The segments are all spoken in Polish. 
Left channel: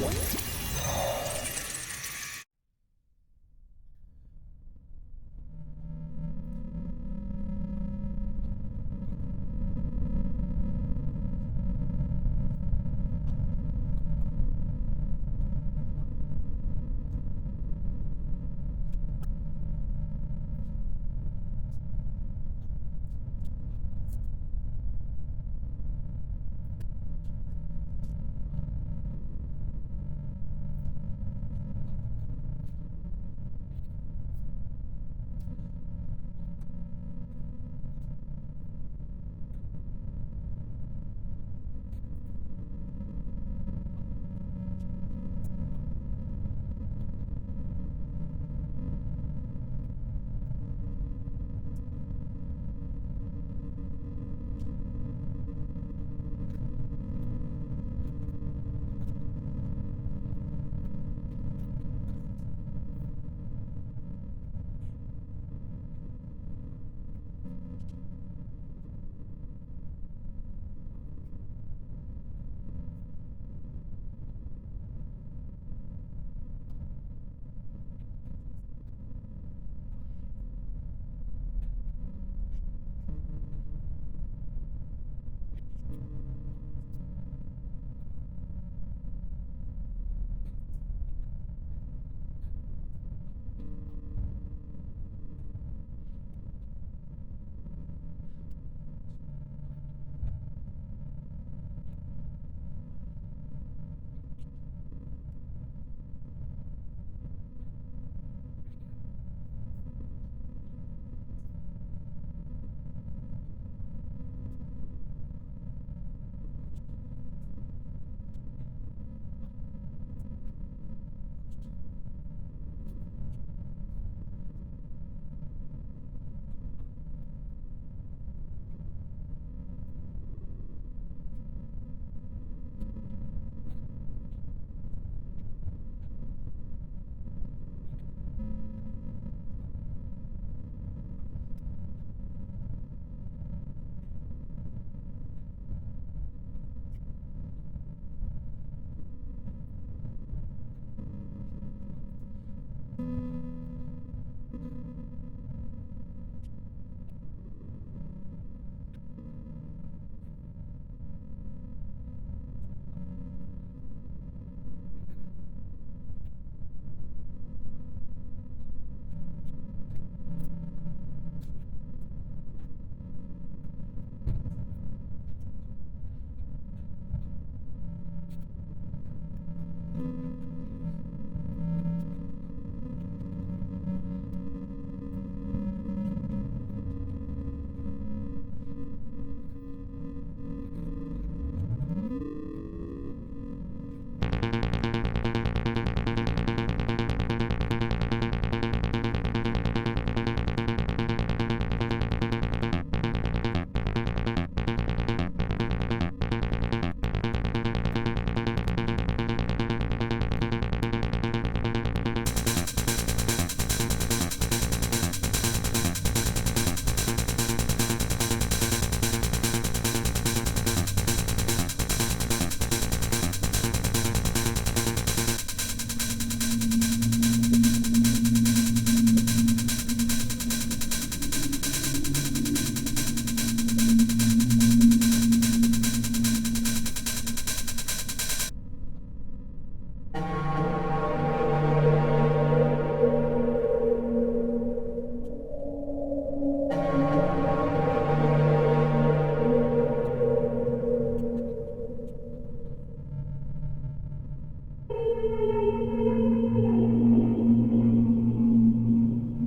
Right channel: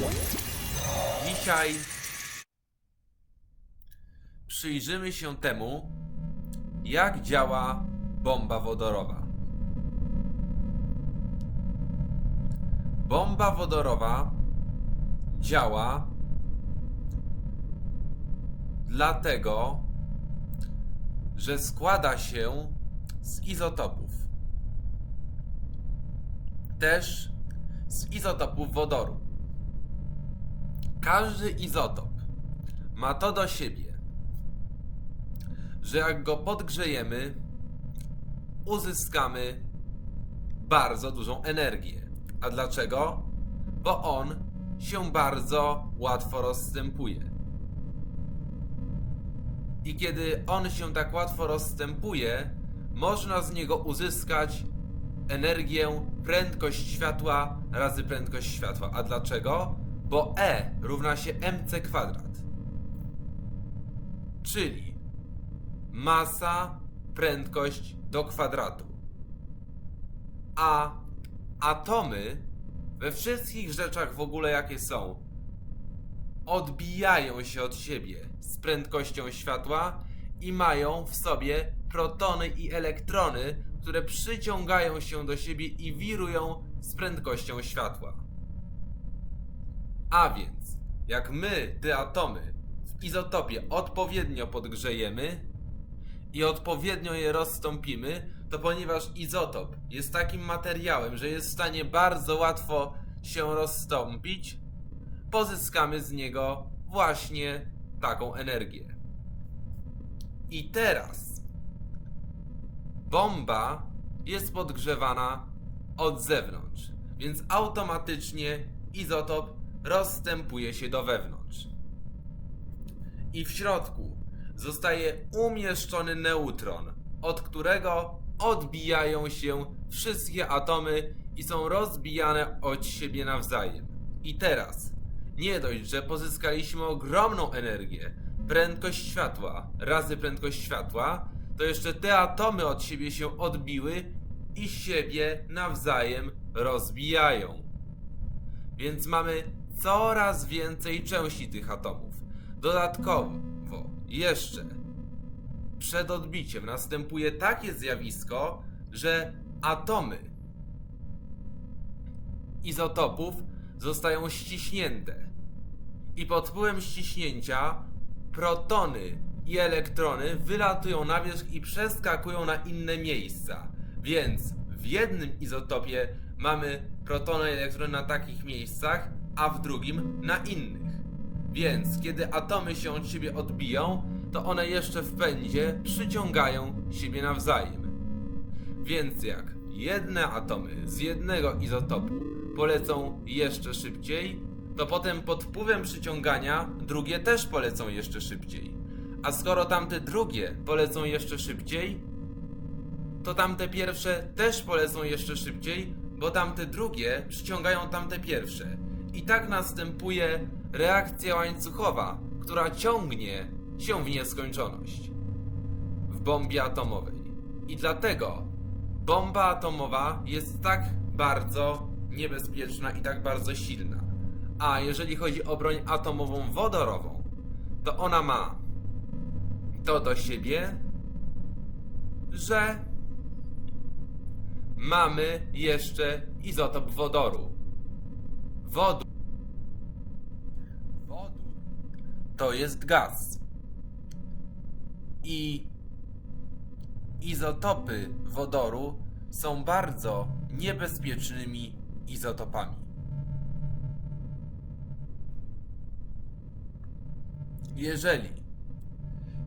Dzisiaj przyjrzymy się temu, jak działa bomba wodorowa. Bomba wodorowa działa dlatego, że składa się z izotopów. Też z izotopów wodoru. Każdy izotop ma to do siebie, że jak go podgrzejemy, uzyskamy bardzo dużą energię. A dlaczego? Bo on się bardzo łatwo rozstępuje. I kiedy on się tak łatwo rozstępuje, można z niego uzyskać energię prędkość światła razy prędkość światła. A dlaczego? Bo E równa się mc kwadrat. Czyli masa, prędkość do kwadratu. A atomy we wszystkich rzeczach w ogóle jakie są odbijają się od siebie z prędkością światła i mają w sobie protony i elektrony, które przyciągają się do siebie i wirują z prędkością światła. A więc, jak my te atomy w izotopie odpowiednio podgrzejemy i odpowiednio je rozstąpimy, to ponieważ izotop jest takim materiałem, że jest w stanie bardzo łatwo się rozstąpić, pozyskamy z niego właśnie taką energię. I teraz bomba jest podgrzewana od zewnątrz, więc automatycznie izotop rozstępuje się do wewnątrz. I w środku zostaje umieszczony neutron, od którego odbijają się wszystkie atomy i są rozbijane od siebie nawzajem. I teraz, nie dość, że pozyskaliśmy ogromną energię, prędkość światła razy prędkość światła, to jeszcze te atomy od siebie się odbiły i siebie nawzajem rozbijają. Więc mamy coraz więcej części tych atomów. Dodatkowo, jeszcze przed odbiciem następuje takie zjawisko, że atomy izotopów zostają ściśnięte. I pod wpływem ściśnięcia protony i elektrony wylatują na wierzch i przeskakują na inne miejsca. Więc w jednym izotopie mamy protony i elektrony na takich miejscach, a w drugim na innych. Więc kiedy atomy się od siebie odbiją, to one jeszcze w pędzie przyciągają siebie nawzajem. Więc jak jedne atomy z jednego izotopu polecą jeszcze szybciej, to potem pod wpływem przyciągania drugie też polecą jeszcze szybciej. A skoro tamte drugie polecą jeszcze szybciej, to tamte pierwsze też polecą jeszcze szybciej, bo tamte drugie przyciągają tamte pierwsze. I tak następuje reakcja łańcuchowa, która ciągnie się w nieskończoność bombie atomowej. Dlatego bomba atomowa jest tak bardzo niebezpieczna i tak bardzo silna. A jeżeli chodzi o broń atomową wodorową, to ona ma to do siebie, że mamy jeszcze izotop wodoru. Wodór gaz. I izotopy wodoru są bardzo niebezpiecznymi izotopami. Jeżeli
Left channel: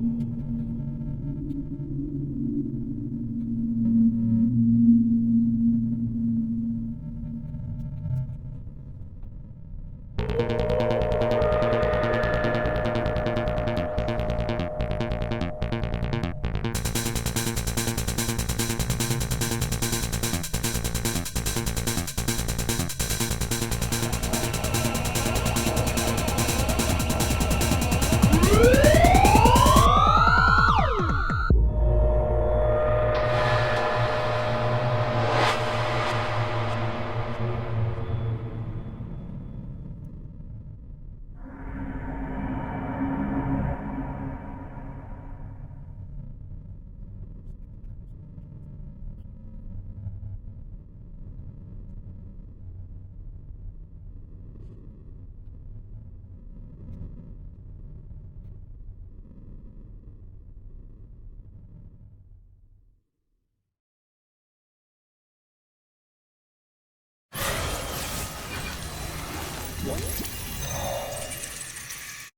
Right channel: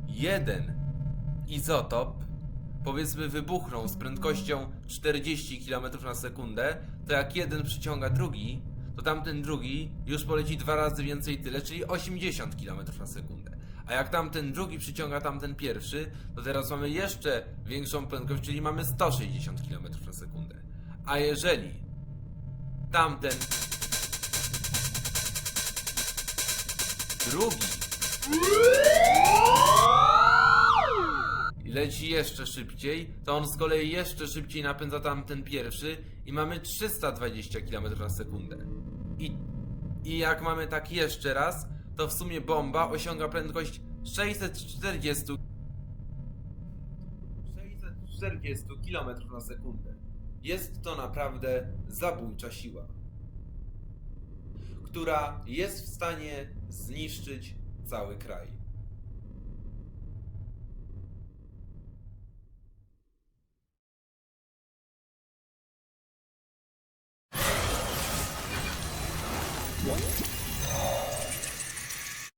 jeden izotop powiedzmy wybuchnął z prędkością 40 km na sekundę, to jak jeden przyciąga drugi, tamten drugi już poleci dwa razy więcej tyle, czyli 80 km sekundę. A jak tamten drugi przyciąga tamten pierwszy, to teraz mamy jeszcze większą prędkość, czyli mamy 160. A jeżeli tamten drugi mamy tak jeszcze raz, to w sumie bomba osiąga prędkość 640 640 km na sekundę. Jest to naprawdę zabójcza siła, która jest w stanie zniszczyć cały kraj.